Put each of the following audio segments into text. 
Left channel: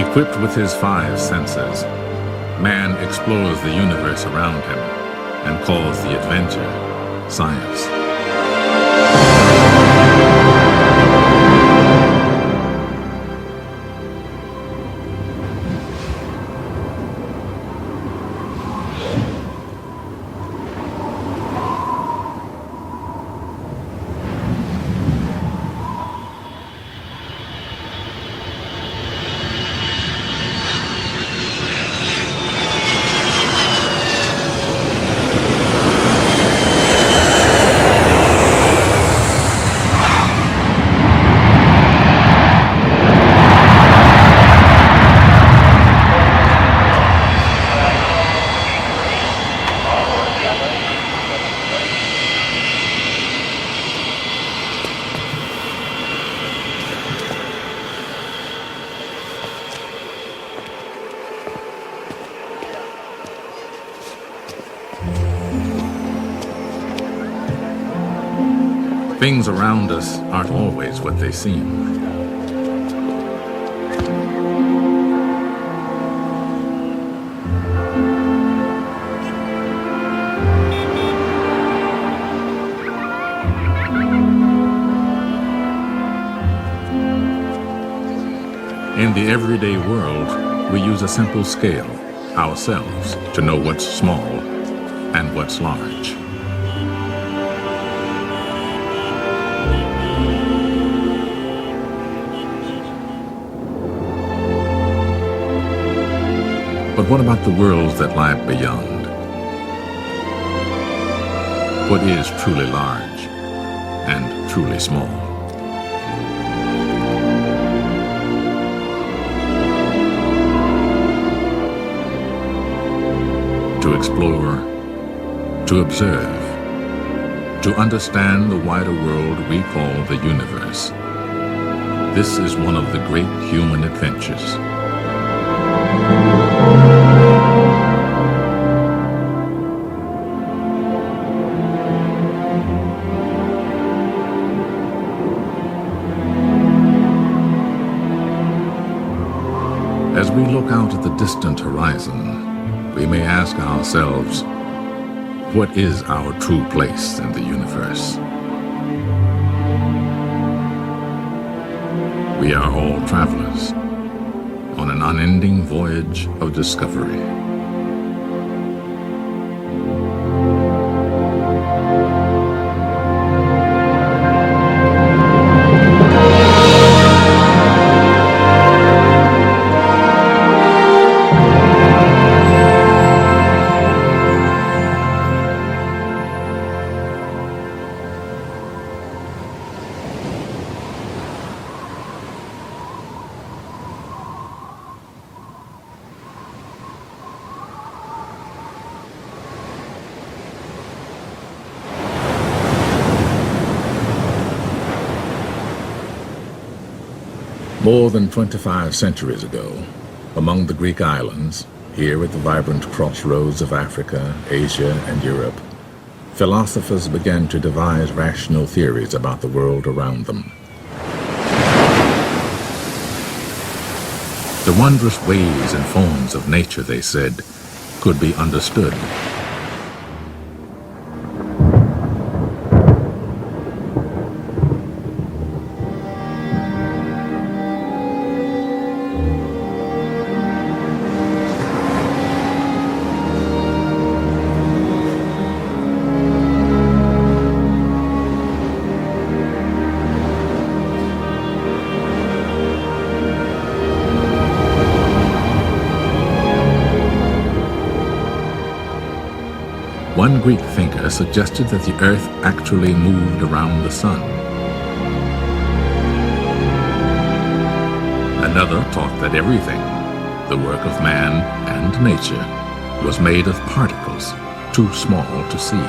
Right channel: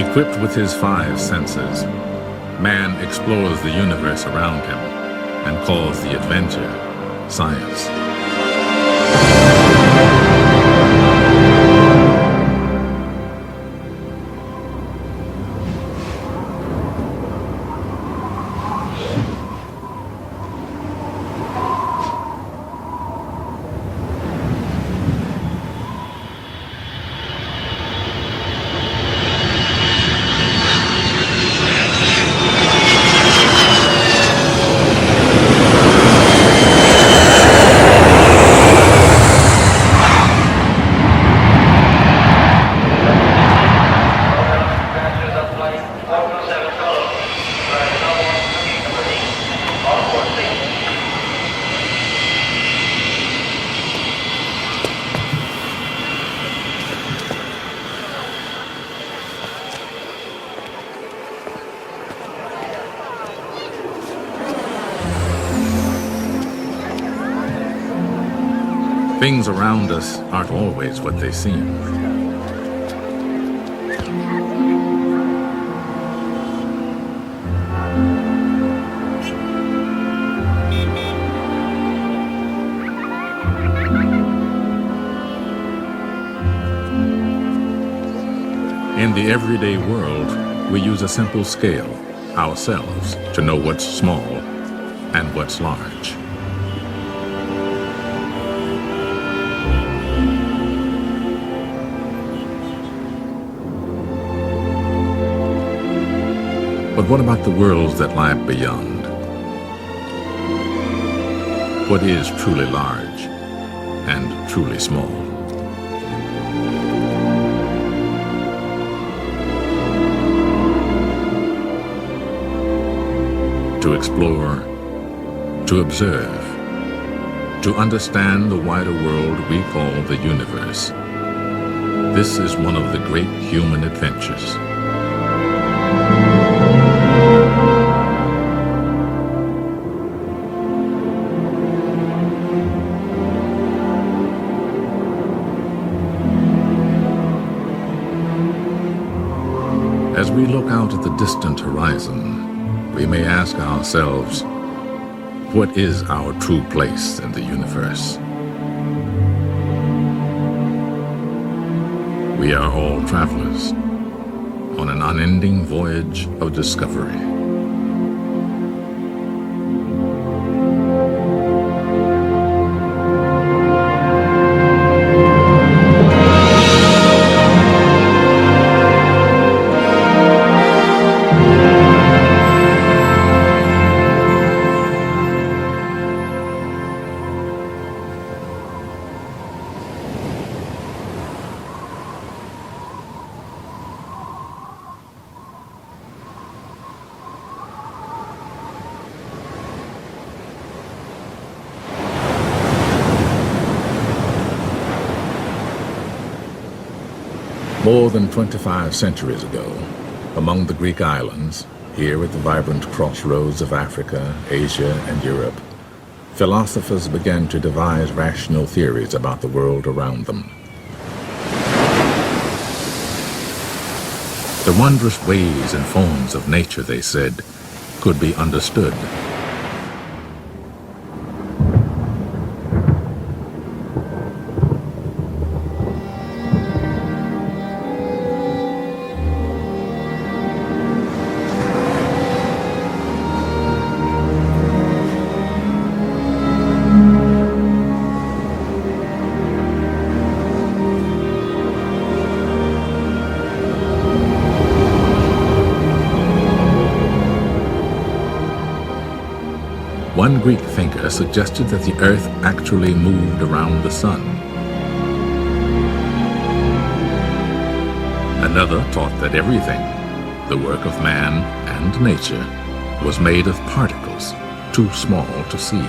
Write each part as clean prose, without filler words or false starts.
Equipped with his five senses, man explores the universe around him and calls the adventure science. Things around us aren't always what they seem. In the everyday world, we use a simple scale, ourselves, to know what's small and what's large. But what about the worlds that lie beyond? What is truly large and truly small? To explore, to observe, to understand the wider world we call the universe. This is one of the great human adventures. As we look out at the distant horizon, we may ask ourselves, what is our true place in the universe? We are all travelers on an unending voyage of discovery. More than 25 centuries ago, among the Greek islands, here at the vibrant crossroads of Africa, Asia, and Europe, philosophers began to devise rational theories about the world around them. The wondrous ways and forms of nature, they said, could be understood. One Greek thinker suggested that the earth actually moved around the sun. Another taught that everything, the work of man and nature, was made of particles too small to see.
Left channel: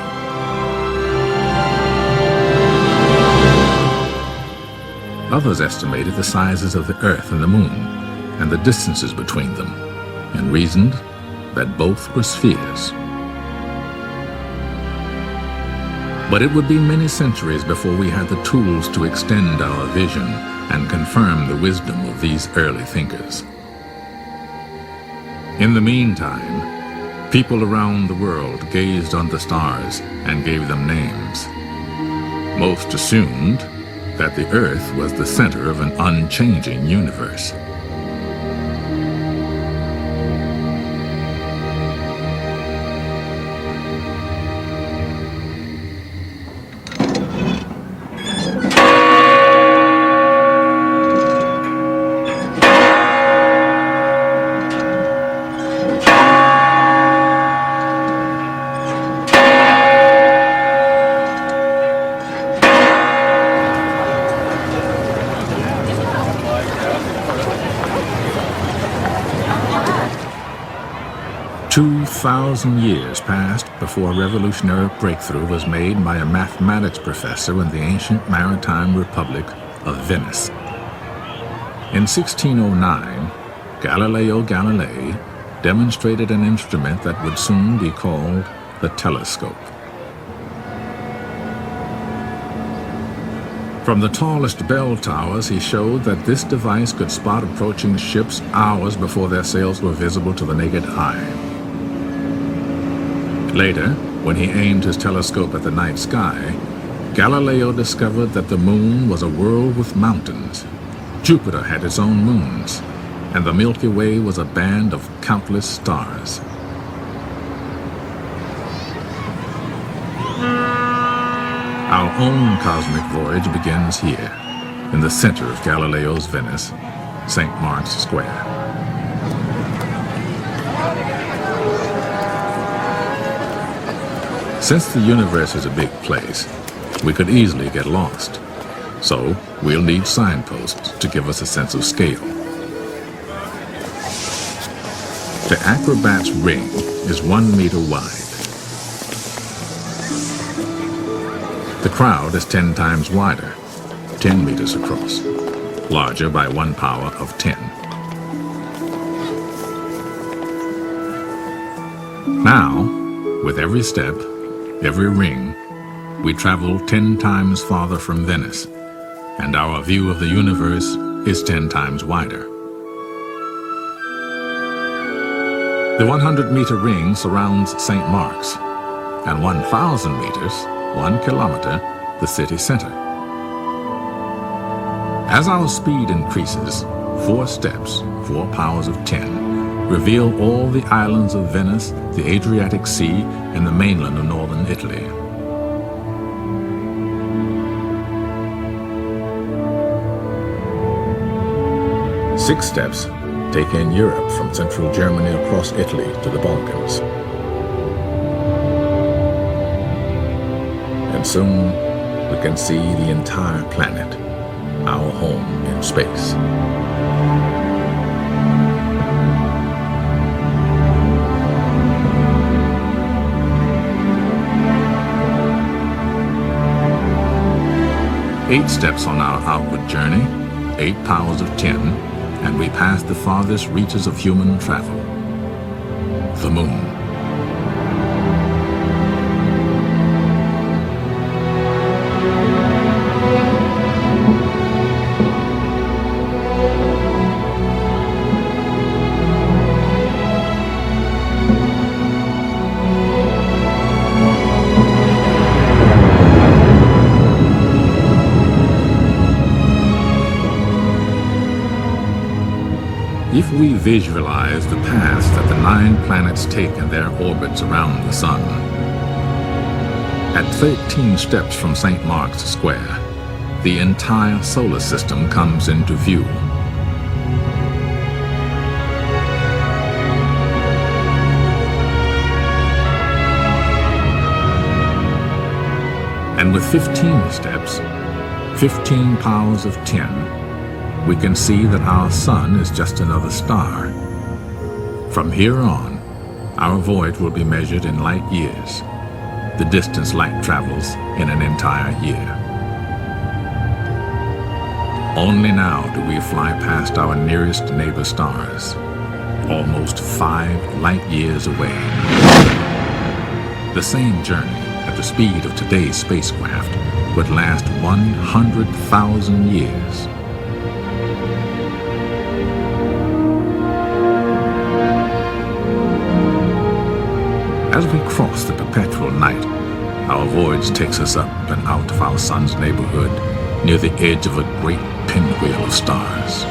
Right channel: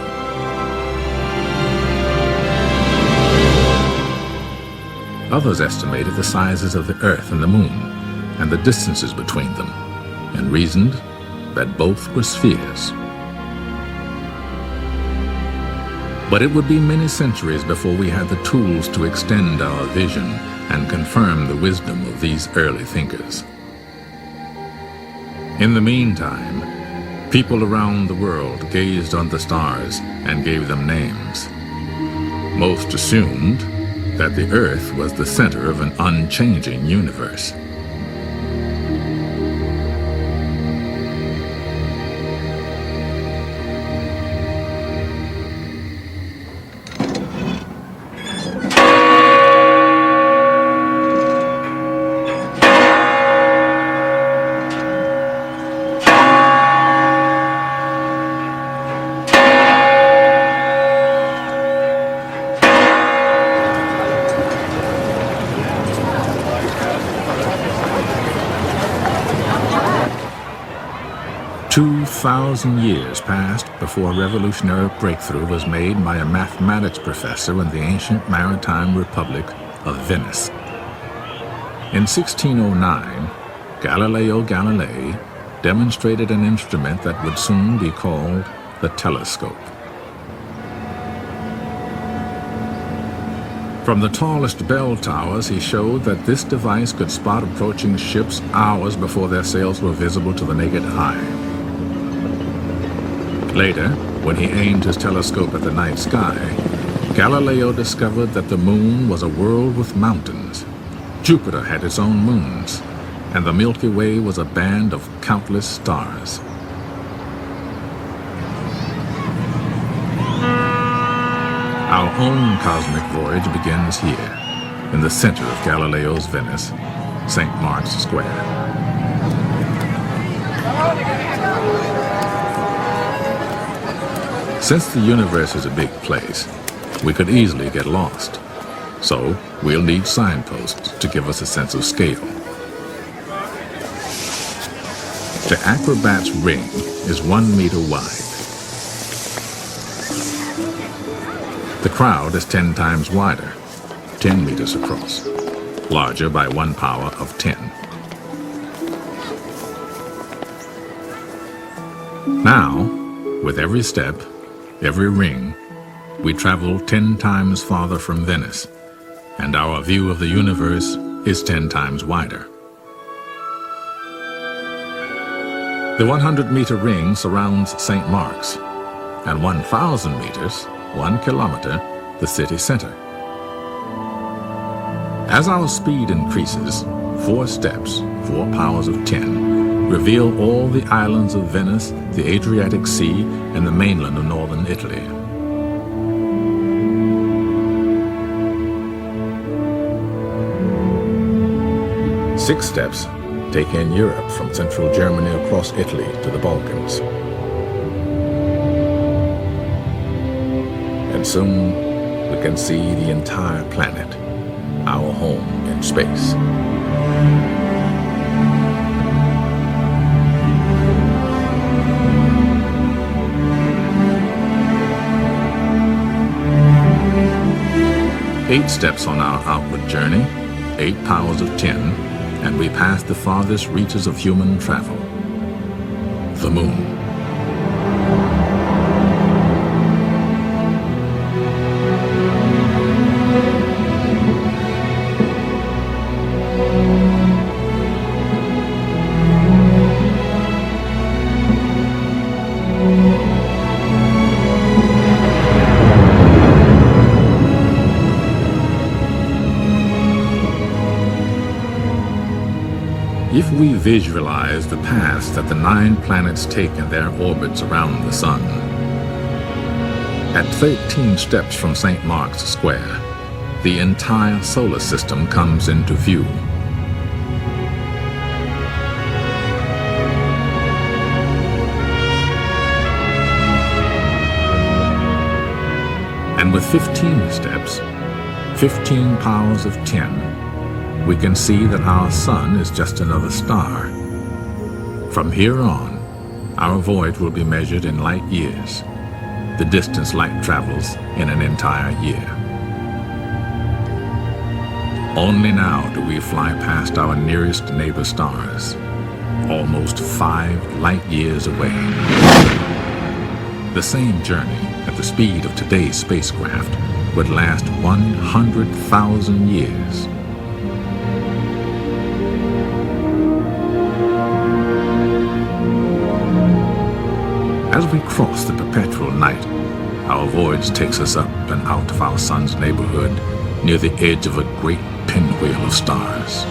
Others estimated the sizes of the earth and the moon and the distances between them, and reasoned that both were spheres. But it would be many centuries before we had the tools to extend our vision and confirm the wisdom of these early thinkers. In the meantime, people around the world gazed on the stars and gave them names. Most assumed that the Earth was the center of an unchanging universe. Years passed before a revolutionary breakthrough was made by a mathematics professor in the ancient maritime republic of Venice. In 1609, Galileo Galilei demonstrated an instrument that would soon be called the telescope. From the tallest bell towers, he showed that this device could spot approaching ships hours before their sails were visible to the naked eye. Later, when he aimed his telescope at the night sky, Galileo discovered that the moon was a world with mountains. Jupiter had its own moons, and the Milky Way was a band of countless stars. Our own cosmic voyage begins here, in the center of Galileo's Venice, St. Mark's Square. Since the universe is a big place, we could easily get lost. So we'll need signposts to give us a sense of scale. The acrobat's ring is 1 meter wide. The crowd is 10 times wider, 10 meters across, larger by 1 power of 10. Now, with every step, every ring, we travel 10 times farther from Venice, and our view of the universe is 10 times wider. The 100-meter ring surrounds St. Mark's, and 1,000 meters, 1 kilometer, the city center. As our speed increases, 4 steps, 4 powers of 10, reveal all the islands of Venice, the Adriatic Sea, and the mainland of northern Italy. Six steps take in Europe from central Germany across Italy to the Balkans. And soon we can see the entire planet, our home in space. Eight steps on our outward journey, 8 powers of 10, and we pass the farthest reaches of human travel, the moon. If we visualize the paths that the 9 planets take in their orbits around the sun, at 13 steps from St. Mark's Square, the entire solar system comes into view. And with 15 steps, 15 powers of 10, we can see that our sun is just another star. From here on, our voyage will be measured in light years, the distance light travels in an entire year. Only now do we fly past our nearest neighbor stars, almost 5 light years away. The same journey at the speed of today's spacecraft would last 100,000 years. As we cross the perpetual night, our voyage takes us up and out of our sun's neighborhood near the edge of a great pinwheel of stars.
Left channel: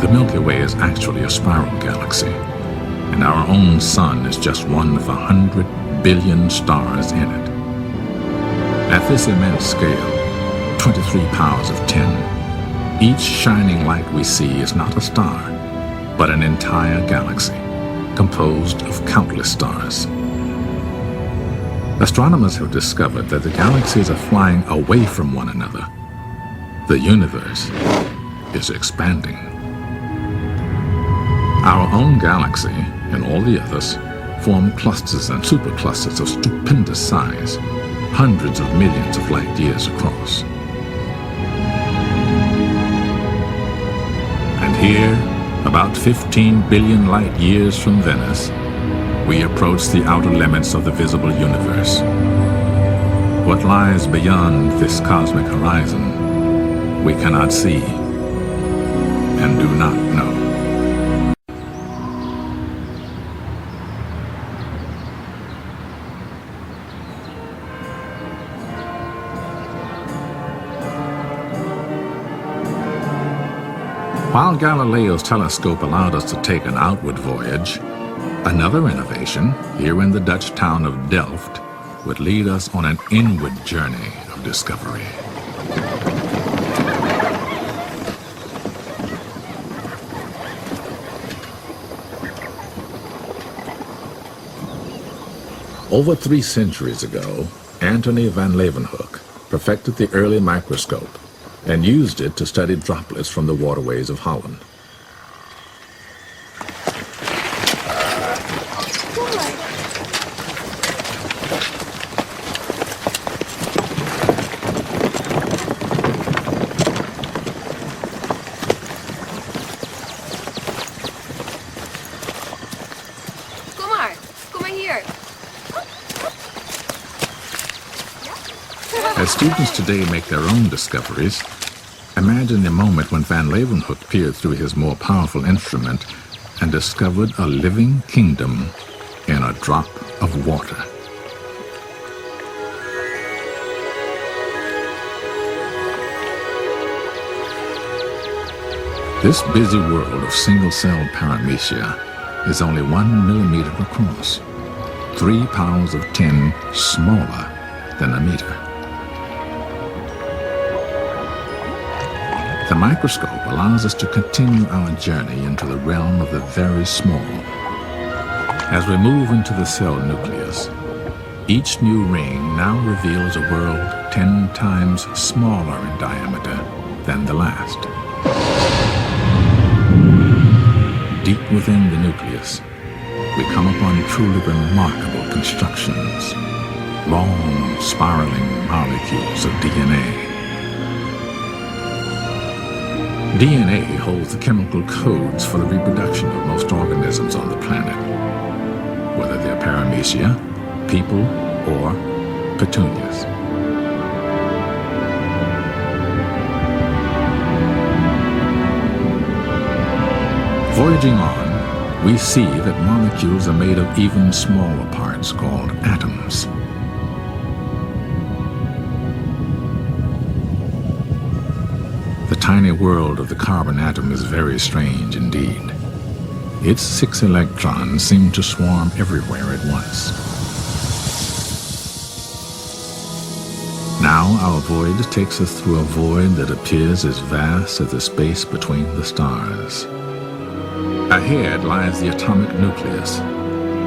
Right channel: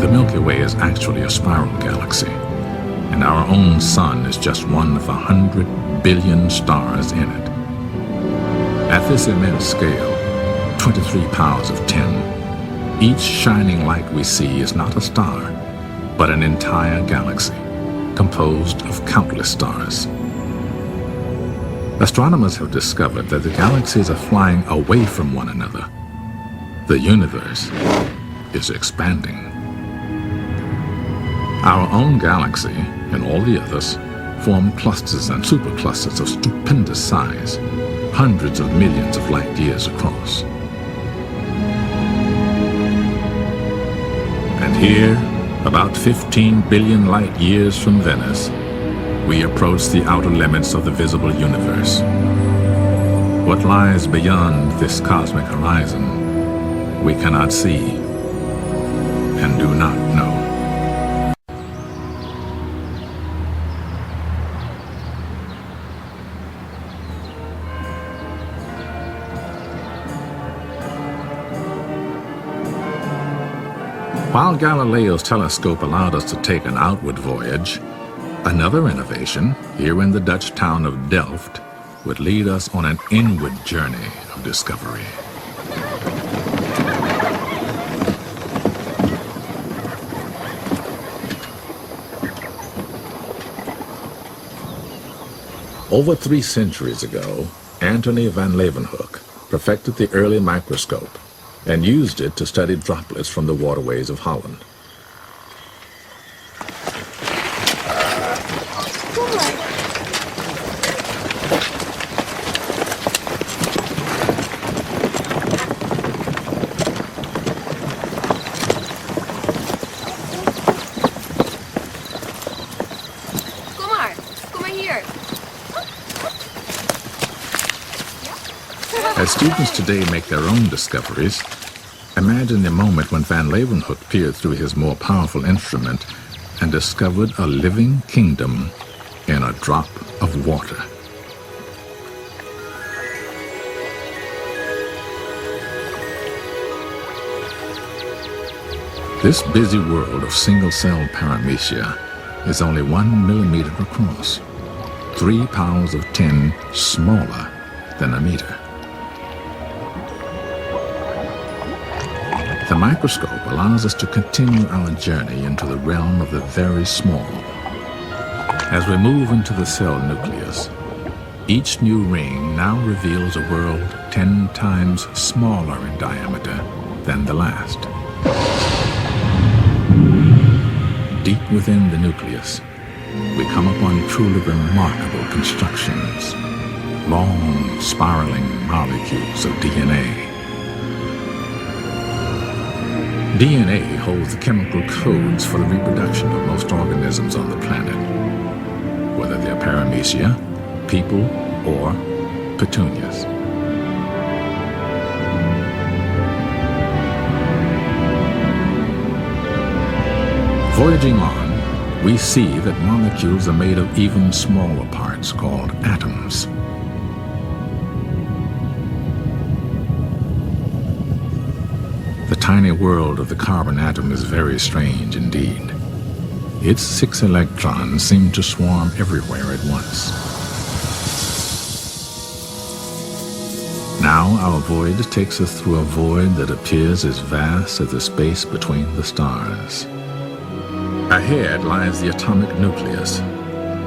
The Milky Way is actually a spiral galaxy, and our own sun is just one of 100 billion stars in it. At this immense scale, 23 powers of 10, each shining light we see is not a star, but an entire galaxy, composed of countless stars. Astronomers have discovered that the galaxies are flying away from one another. The universe is expanding. Our own galaxy and all the others form clusters and superclusters of stupendous size, hundreds of millions of light years across. And here, about 15 billion light years from Venice, we approach the outer limits of the visible universe. What lies beyond this cosmic horizon, we cannot see and do not know. While Galileo's telescope allowed us to take an outward voyage, another innovation, here in the Dutch town of Delft, would lead us on an inward journey of discovery. Over 3 centuries ago, Antony van Leeuwenhoek perfected the early microscope and used it to study droplets from the waterways of Holland. As students today make their own discoveries, imagine the moment when Van Leeuwenhoek peered through his more powerful instrument and discovered a living kingdom in a drop of water. This busy world of single-celled paramecia is only 1 millimeter across, 3 powers of 10 smaller than a meter. The microscope allows us to continue our journey into the realm of the very small. As we move into the cell nucleus, each new ring now reveals a world 10 times smaller in diameter than the last. Deep within the nucleus, we come upon truly remarkable constructions, long spiraling molecules of DNA. DNA holds the chemical codes for the reproduction of most organisms on the planet, whether they're paramecia, people, or petunias. Voyaging on, we see that molecules are made of even smaller parts called atoms. The tiny world of the carbon atom is very strange indeed. Its 6 electrons seem to swarm everywhere at once. Now our voyage takes us through a void that appears as vast as the space between the stars. Ahead lies the atomic nucleus,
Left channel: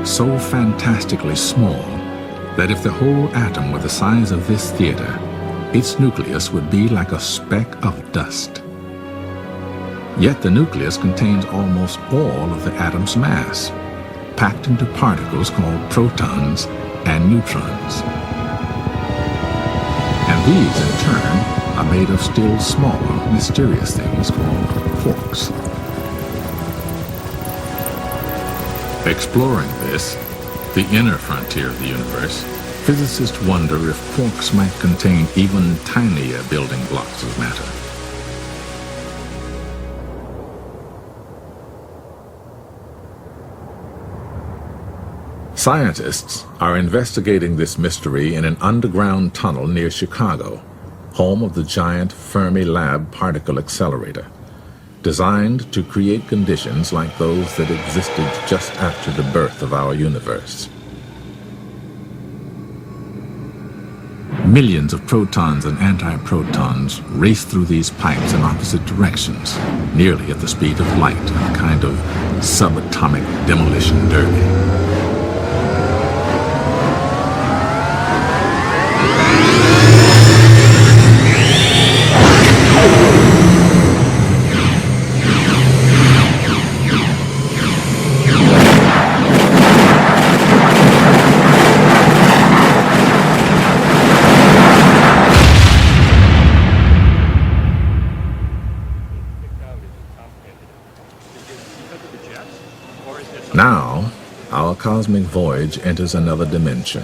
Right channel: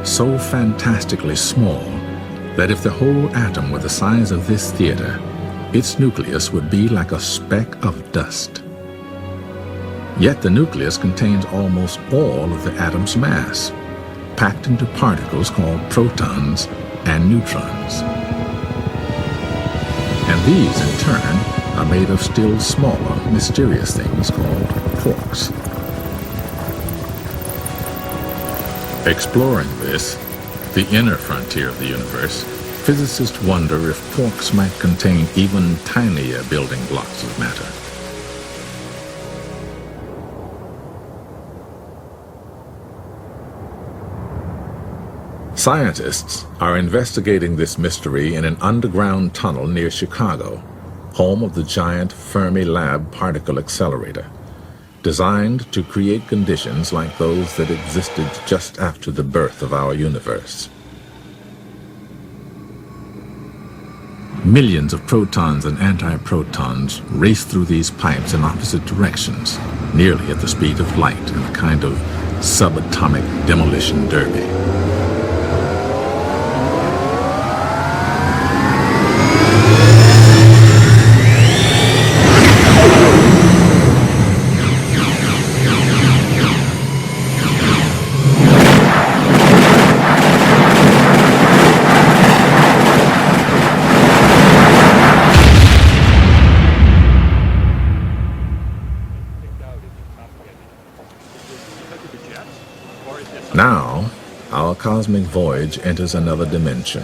so fantastically small that if the whole atom were the size of this theater, its nucleus would be like a speck of dust. Yet the nucleus contains almost all of the atom's mass, packed into particles called protons and neutrons. And these, in turn, are made of still smaller, mysterious things called quarks. Exploring this, the inner frontier of the universe, physicists wonder if quarks might contain even tinier building blocks of matter. Scientists are investigating this mystery in an underground tunnel near Chicago, home of the giant Fermi-Lab particle accelerator, designed to create conditions like those that existed just after the birth of our universe. Millions of protons and antiprotons race through these pipes in opposite directions, nearly at the speed of light in a kind of subatomic demolition derby. Now, our cosmic voyage enters another dimension,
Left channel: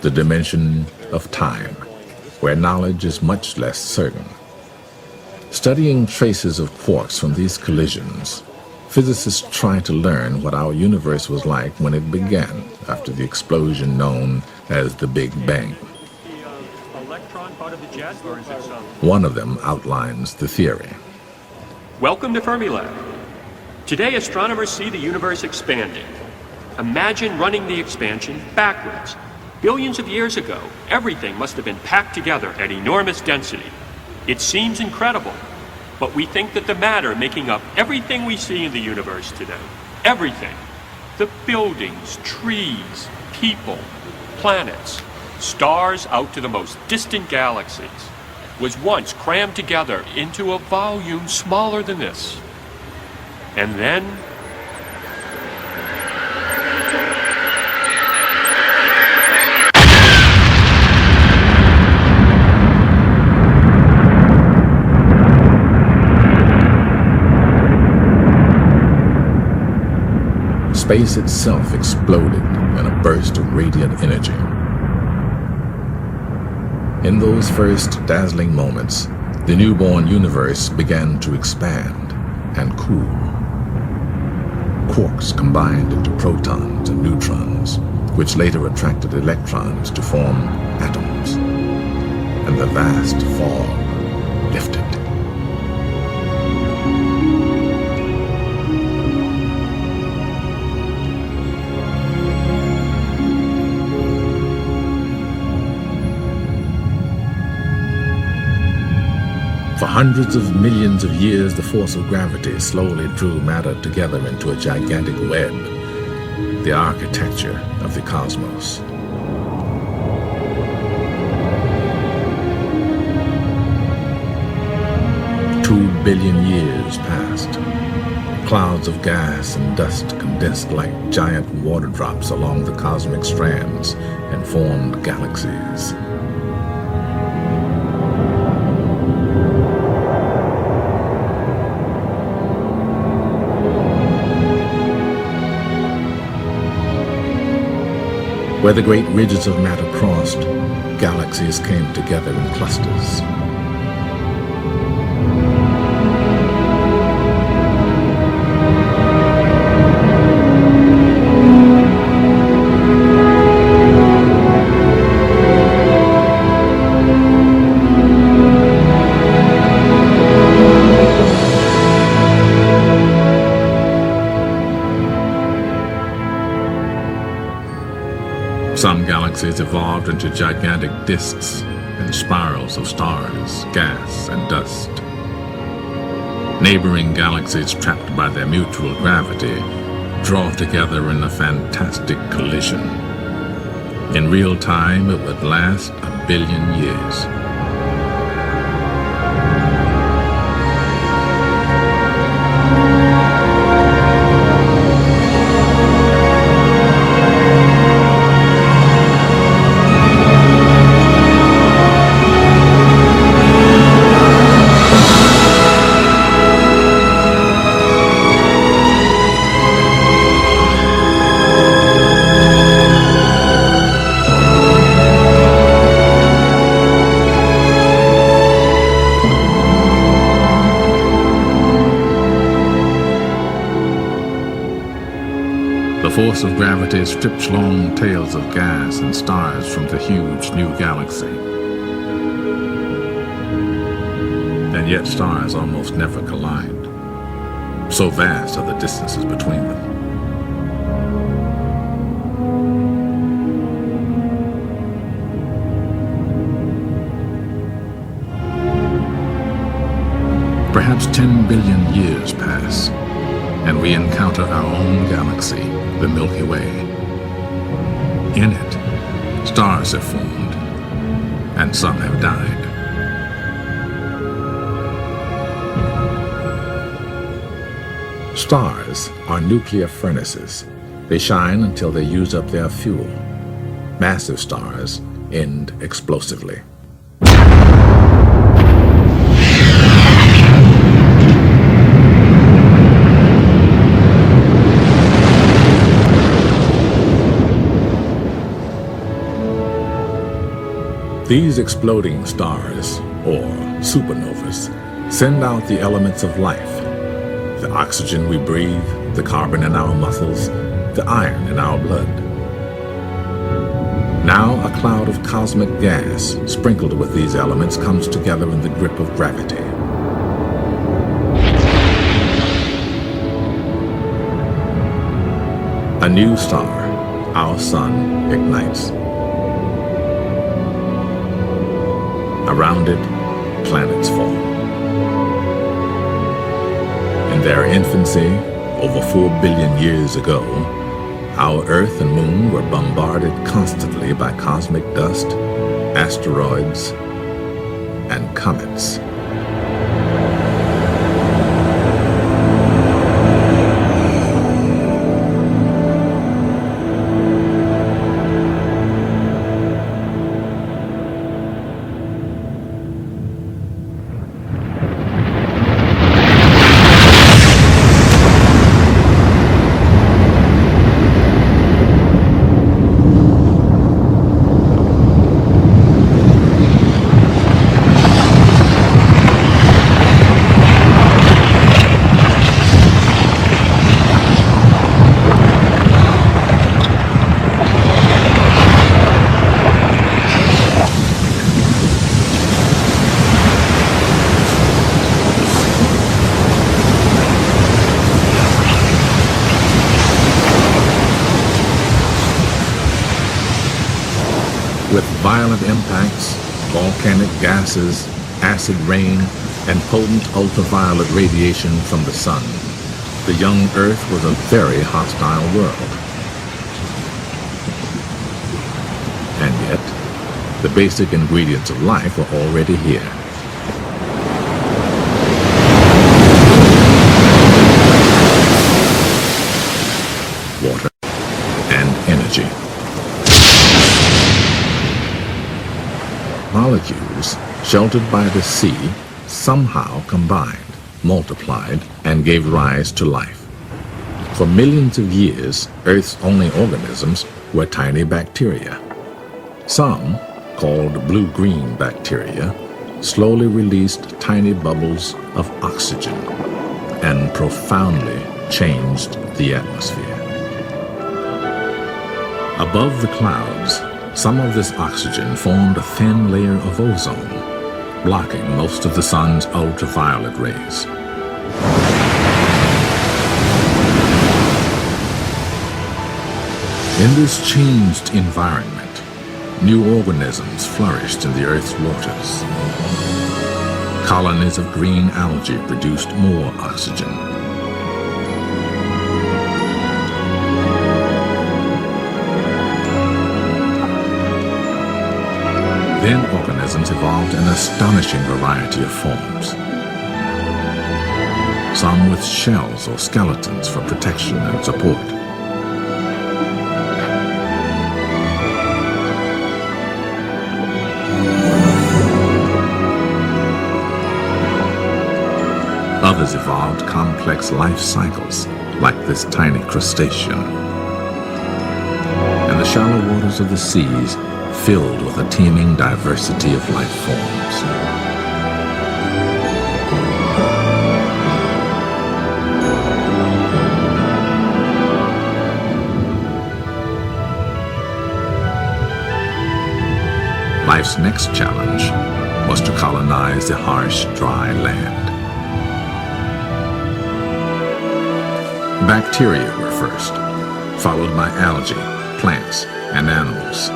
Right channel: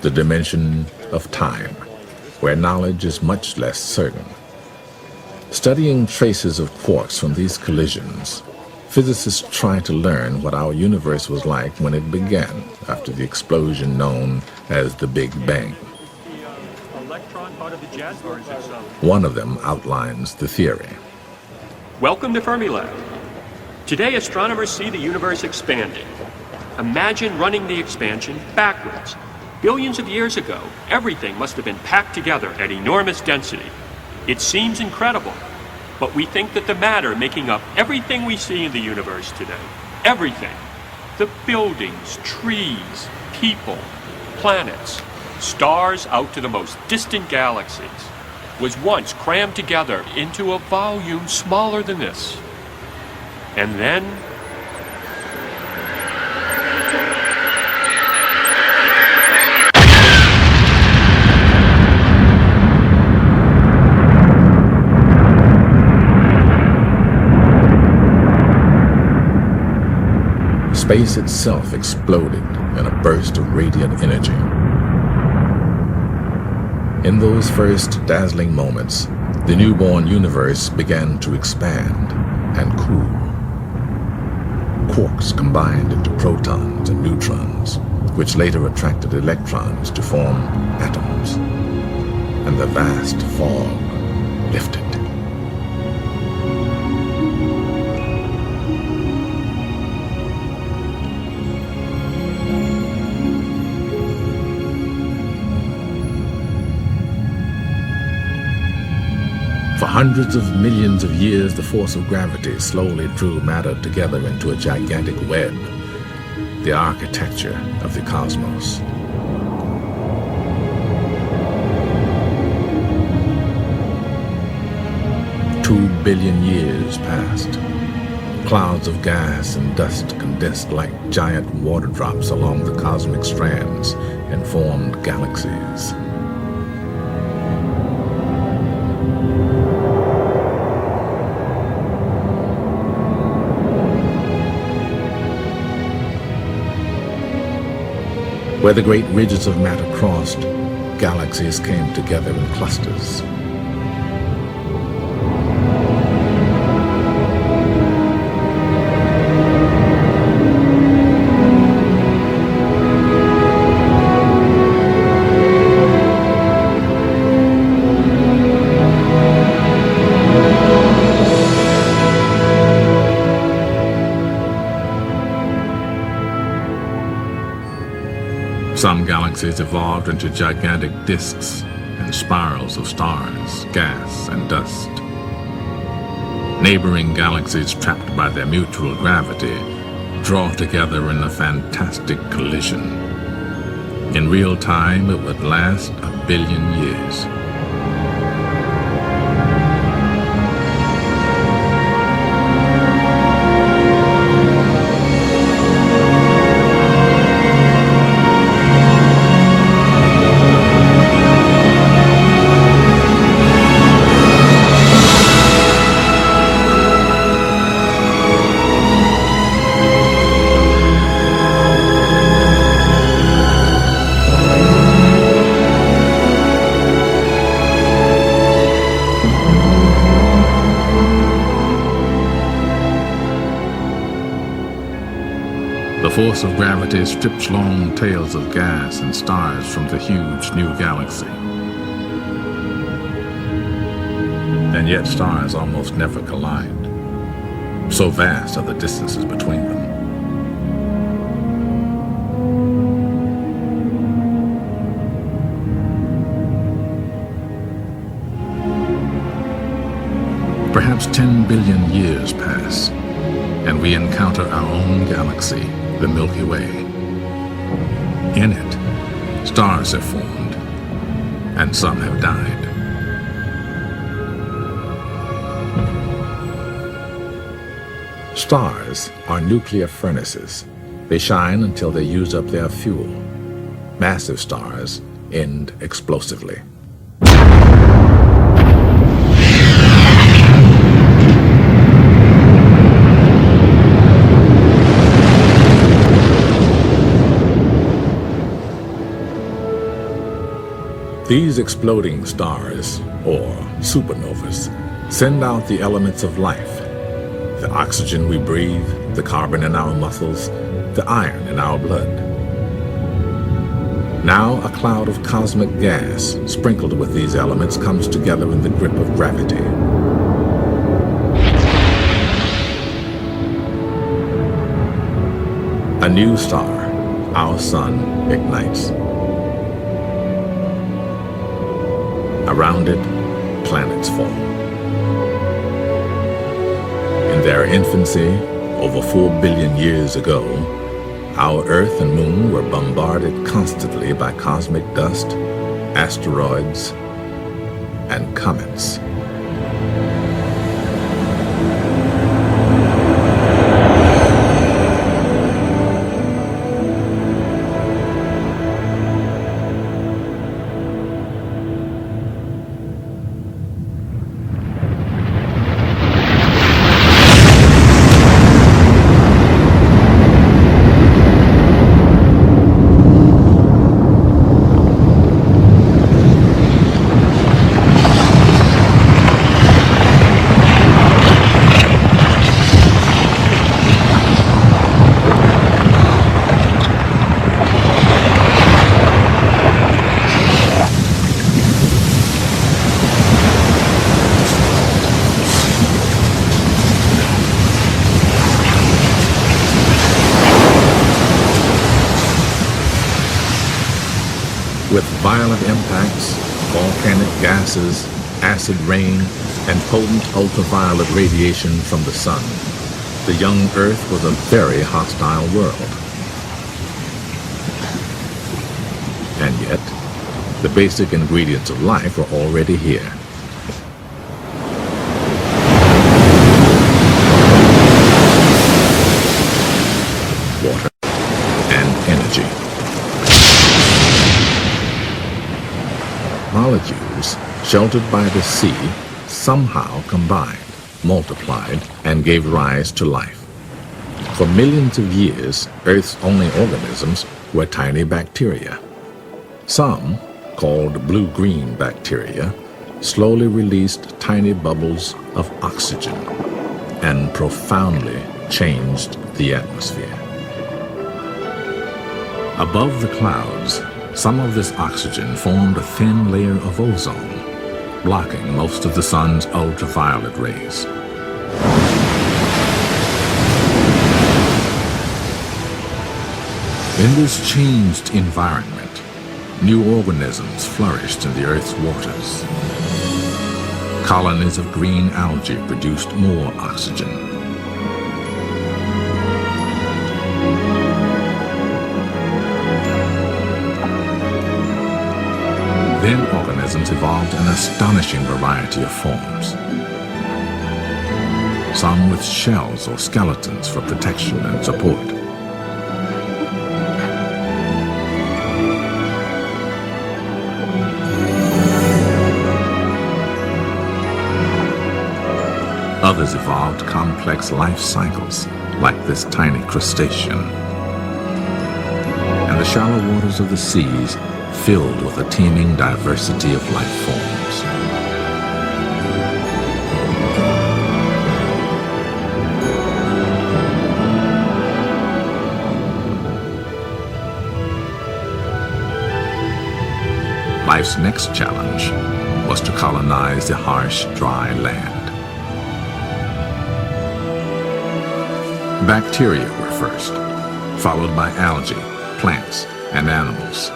the dimension of time, where knowledge is much less certain. Studying traces of quarks from these collisions, physicists try to learn what our universe was like when it began, after the explosion known as the Big Bang. One of them outlines the theory. Welcome to Fermilab. Today, astronomers see the universe expanding. Imagine running the expansion backwards. Billions of years ago, everything must have been packed together at enormous density. It seems incredible, but we think that the matter making up everything we see in the universe today, everything, the buildings, trees, people, planets, stars out to the most distant galaxies, was once crammed together into a volume smaller than this. And then, space itself exploded in a burst of radiant energy. In those first dazzling moments, the newborn universe began to expand and cool. Quarks combined into protons and neutrons, which later attracted electrons to form atoms, and the vast fog lifted. For hundreds of millions of years, the force of gravity slowly drew matter together into a gigantic web, the architecture of the cosmos. Two billion years passed. Clouds of gas and dust condensed like giant water drops along the cosmic strands and formed galaxies. Where the great ridges of matter crossed, galaxies came together in clusters. Some galaxies evolved into gigantic disks and spirals of stars, gas, and dust. Neighboring galaxies, trapped by their mutual gravity, draw together in a fantastic collision. In real time, it would last 1 billion years. The force of gravity strips long tails of gas and stars from the huge new galaxy. And yet stars almost never collide. So vast are the distances between them. Perhaps 10 billion years pass, and we encounter our own galaxy, the Milky Way. In it, stars have formed, and some have died. Stars are nuclear furnaces. They shine until they use up their fuel. Massive stars end explosively. These exploding stars, or supernovas, send out the elements of life. The oxygen we breathe, the carbon in our muscles, the iron in our blood. Now a cloud of cosmic gas sprinkled with these elements comes together in the grip of gravity. A new star, our sun, ignites. Around it, planets form. In their infancy, over 4 billion years ago, our Earth and Moon were bombarded constantly by cosmic dust, asteroids, and comets. With violent impacts, volcanic gases, acid rain, and potent ultraviolet radiation from the sun, the young Earth was a very hostile world. And yet, the basic ingredients of life were already here. Water and energy. Molecules sheltered by the sea somehow combined, multiplied, and gave rise to life. For millions of years, Earth's only organisms were tiny bacteria. Some, called blue-green bacteria, slowly released tiny bubbles of oxygen and profoundly changed the atmosphere. Above the clouds, some of this oxygen formed a thin layer of ozone, blocking most of the sun's ultraviolet rays. In this changed environment, new organisms flourished in the Earth's waters. Colonies of green algae produced more oxygen. Then organisms evolved an astonishing variety of forms. Some with shells or skeletons for protection and support. Others evolved complex life cycles, like this tiny crustacean. And the shallow waters of the seas filled with a teeming diversity of life forms. life's next challenge was to colonize the harsh, dry land. Bacteria were first, followed by algae, plants, and animals.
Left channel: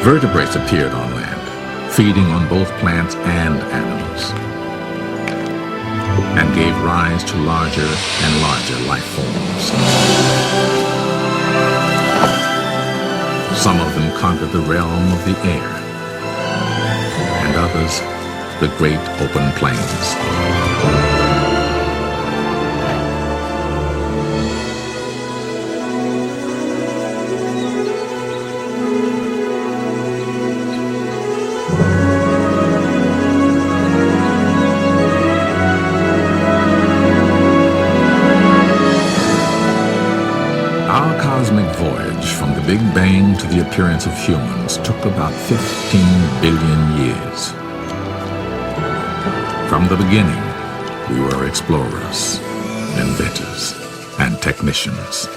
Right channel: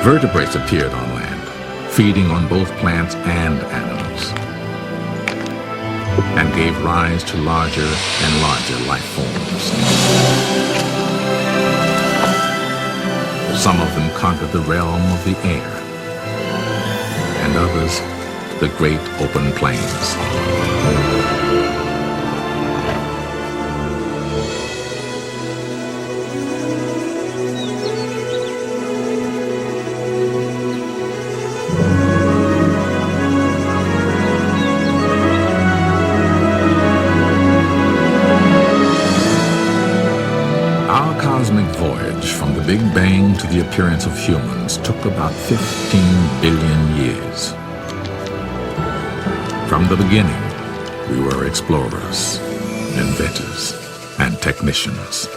Vertebrates appeared on land, feeding on both plants and animals, and gave rise to larger and larger life forms. Some of them conquered the realm of the air, and others the great open plains. Our cosmic voyage from the Big Bang to the appearance of humans took about 15 billion years. From the beginning, we were explorers, inventors, and technicians.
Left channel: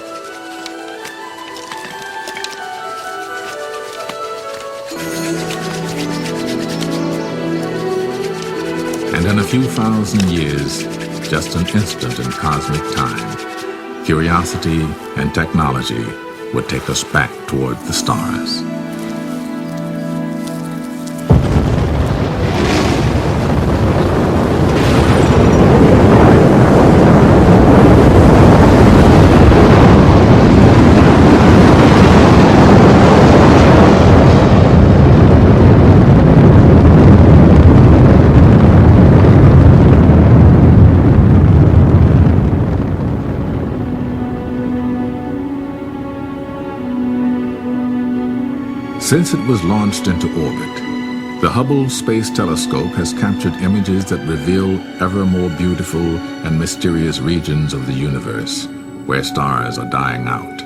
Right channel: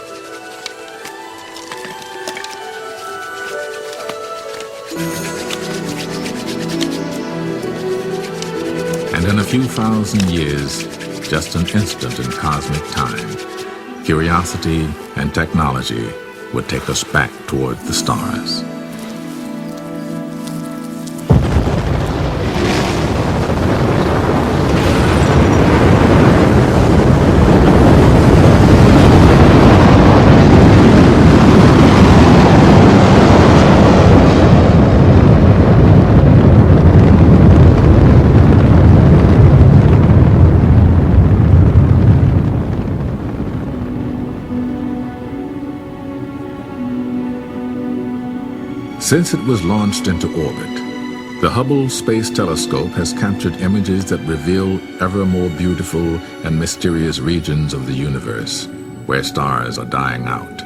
And in a few thousand years, just an instant in cosmic time, curiosity and technology would take us back toward the stars. Since it was launched into orbit, the Hubble Space Telescope has captured images that reveal ever more beautiful and mysterious regions of the universe, where stars are dying out.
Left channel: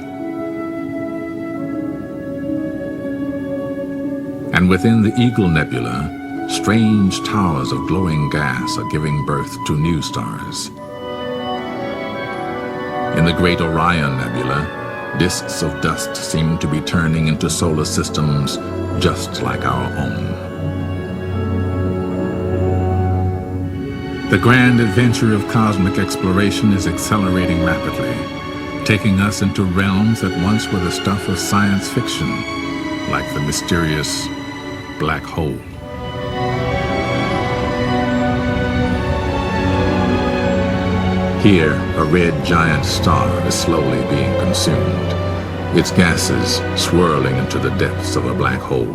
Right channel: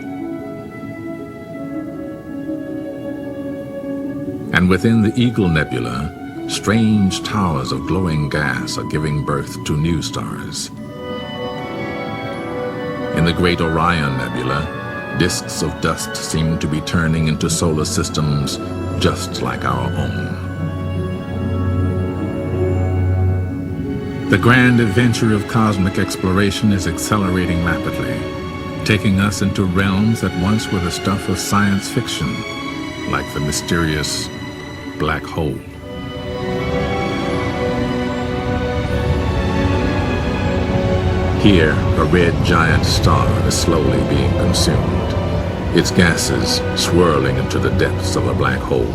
And within the Eagle Nebula, strange towers of glowing gas are giving birth to new stars. In the Great Orion Nebula, disks of dust seem to be turning into solar systems just like our own. The grand adventure of cosmic exploration is accelerating rapidly, taking us into realms that once were the stuff of science fiction, like the mysterious black hole. Here, a red giant star is slowly being consumed, its gases swirling into the depths of a black hole.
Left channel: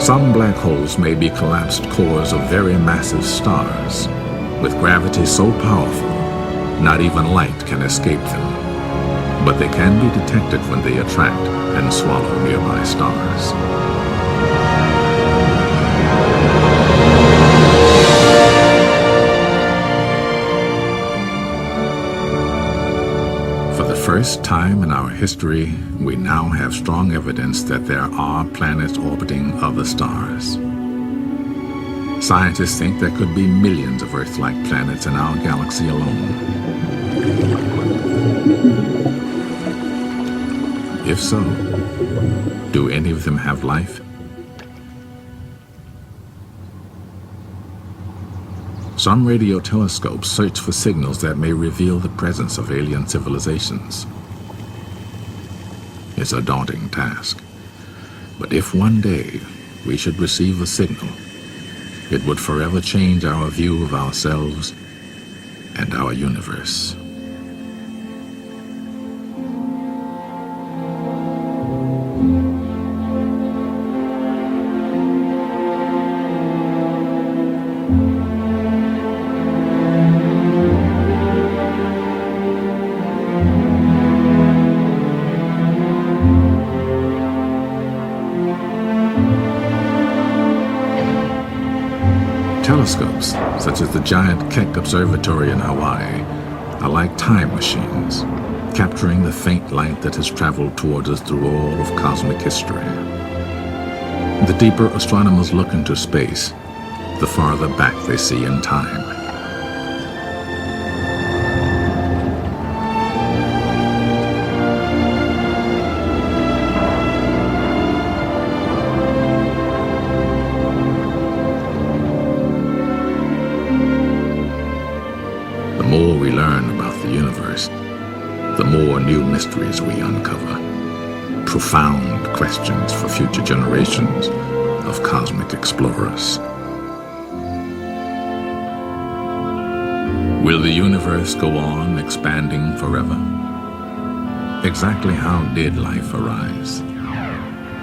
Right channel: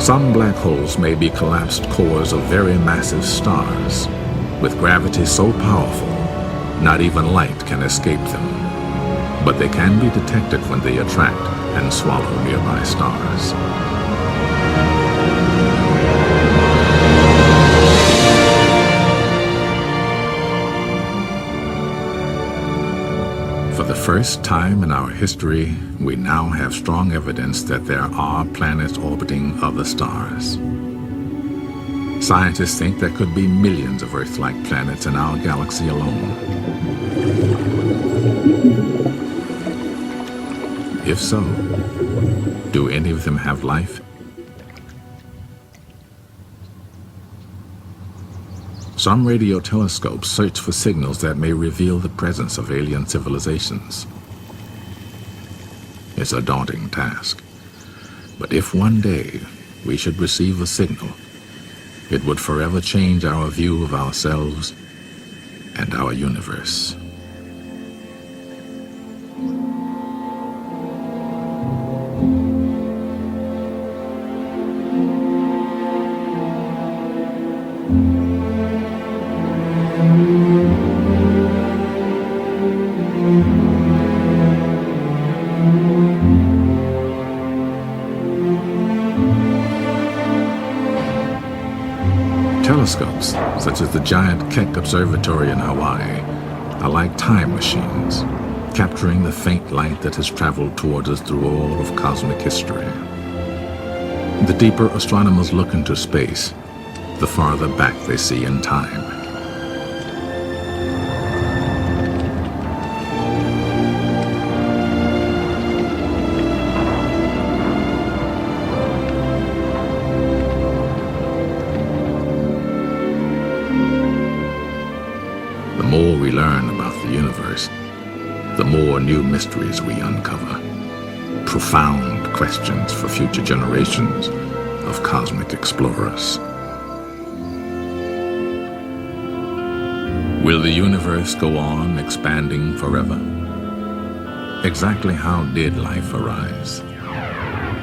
Some black holes may be collapsed cores of very massive stars, with gravity so powerful, not even light can escape them. But they can be detected when they attract and swallow nearby stars. For the first time in our history, we now have strong evidence that there are planets orbiting other stars. Scientists think there could be millions of Earth-like planets in our galaxy alone. If so, do any of them have life? Some radio telescopes search for signals that may reveal the presence of alien civilizations. It's a daunting task. But if one day we should receive a signal, it would forever change our view of ourselves and our universe. Telescopes, such as the giant Keck Observatory in Hawaii, are like time machines, capturing the faint light that has traveled towards us through all of cosmic history. The deeper astronomers look into space, the farther back they see in time. The more we learn about the universe, the more new mysteries we uncover. Profound questions for future generations of cosmic explorers. Will the universe go on expanding forever? Exactly how did life arise?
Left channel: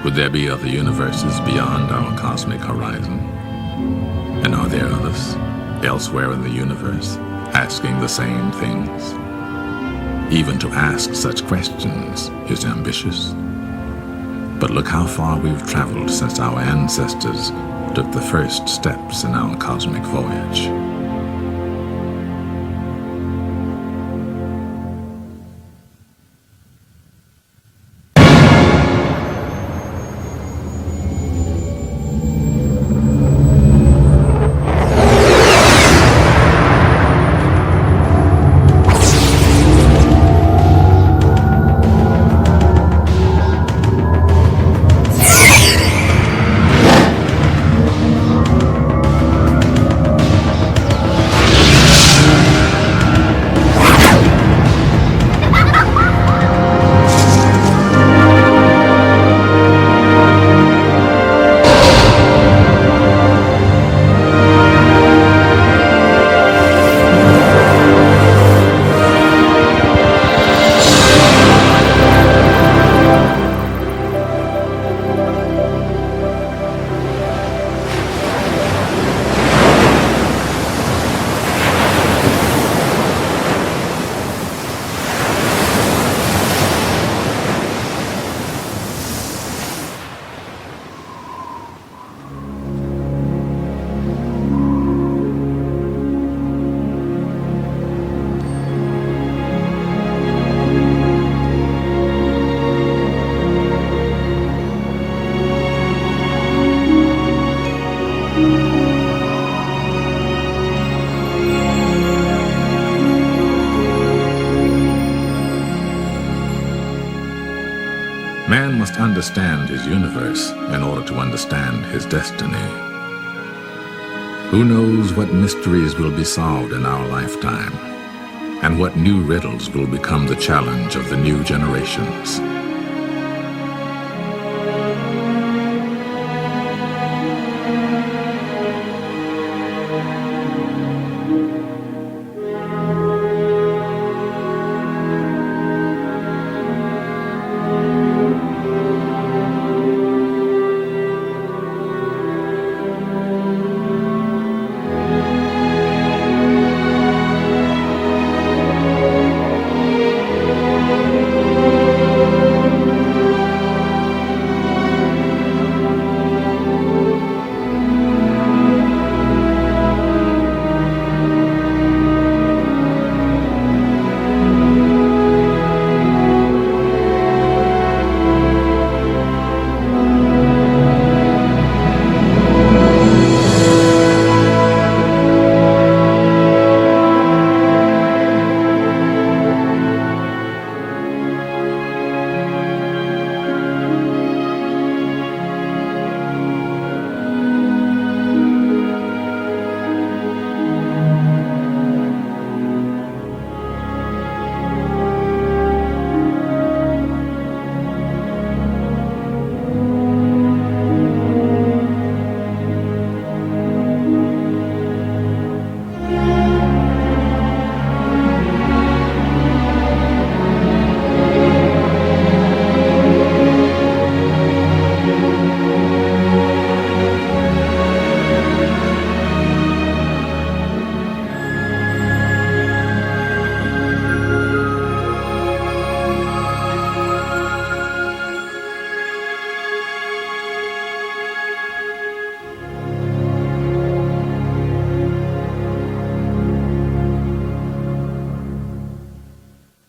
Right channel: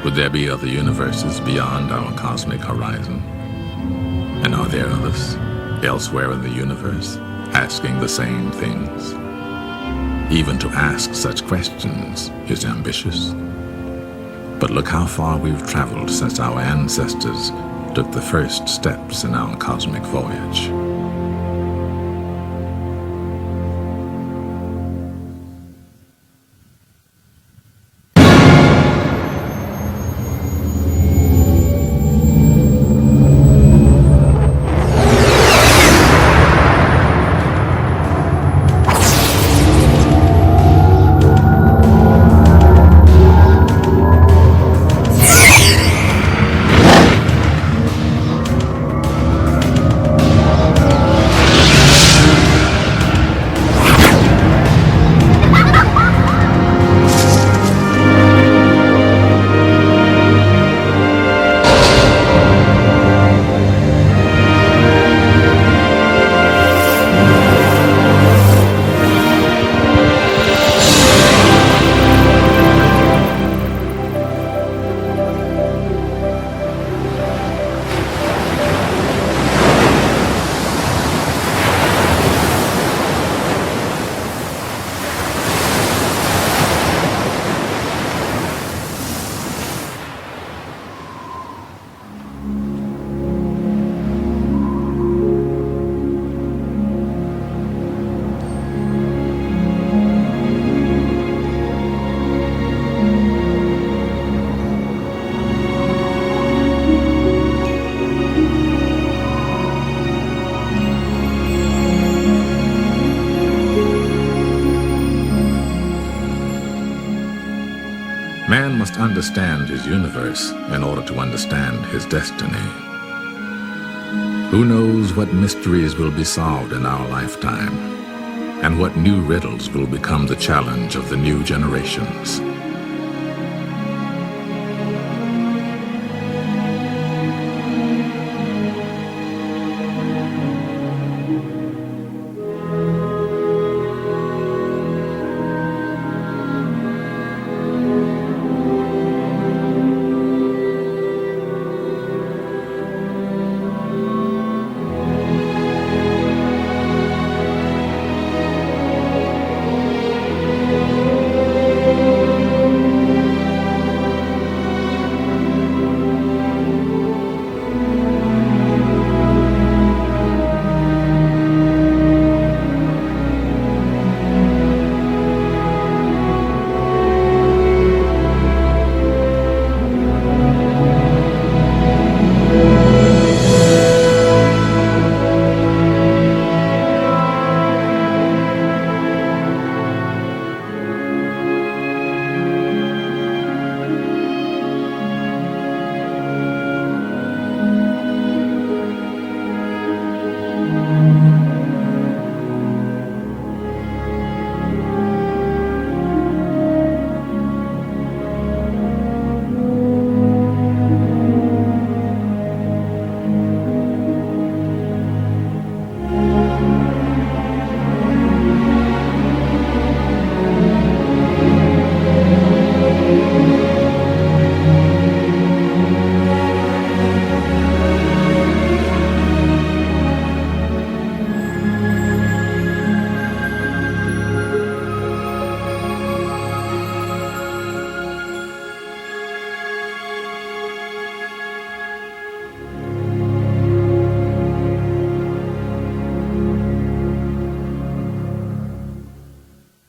Could there be other universes beyond our cosmic horizon? And are there others elsewhere in the universe asking the same things? Even to ask such questions is ambitious. But look how far we've traveled since our ancestors took the first steps in our cosmic voyage. Man must understand his universe in order to understand his destiny. Who knows what mysteries will be solved in our lifetime, and what new riddles will become the challenge of the new generations.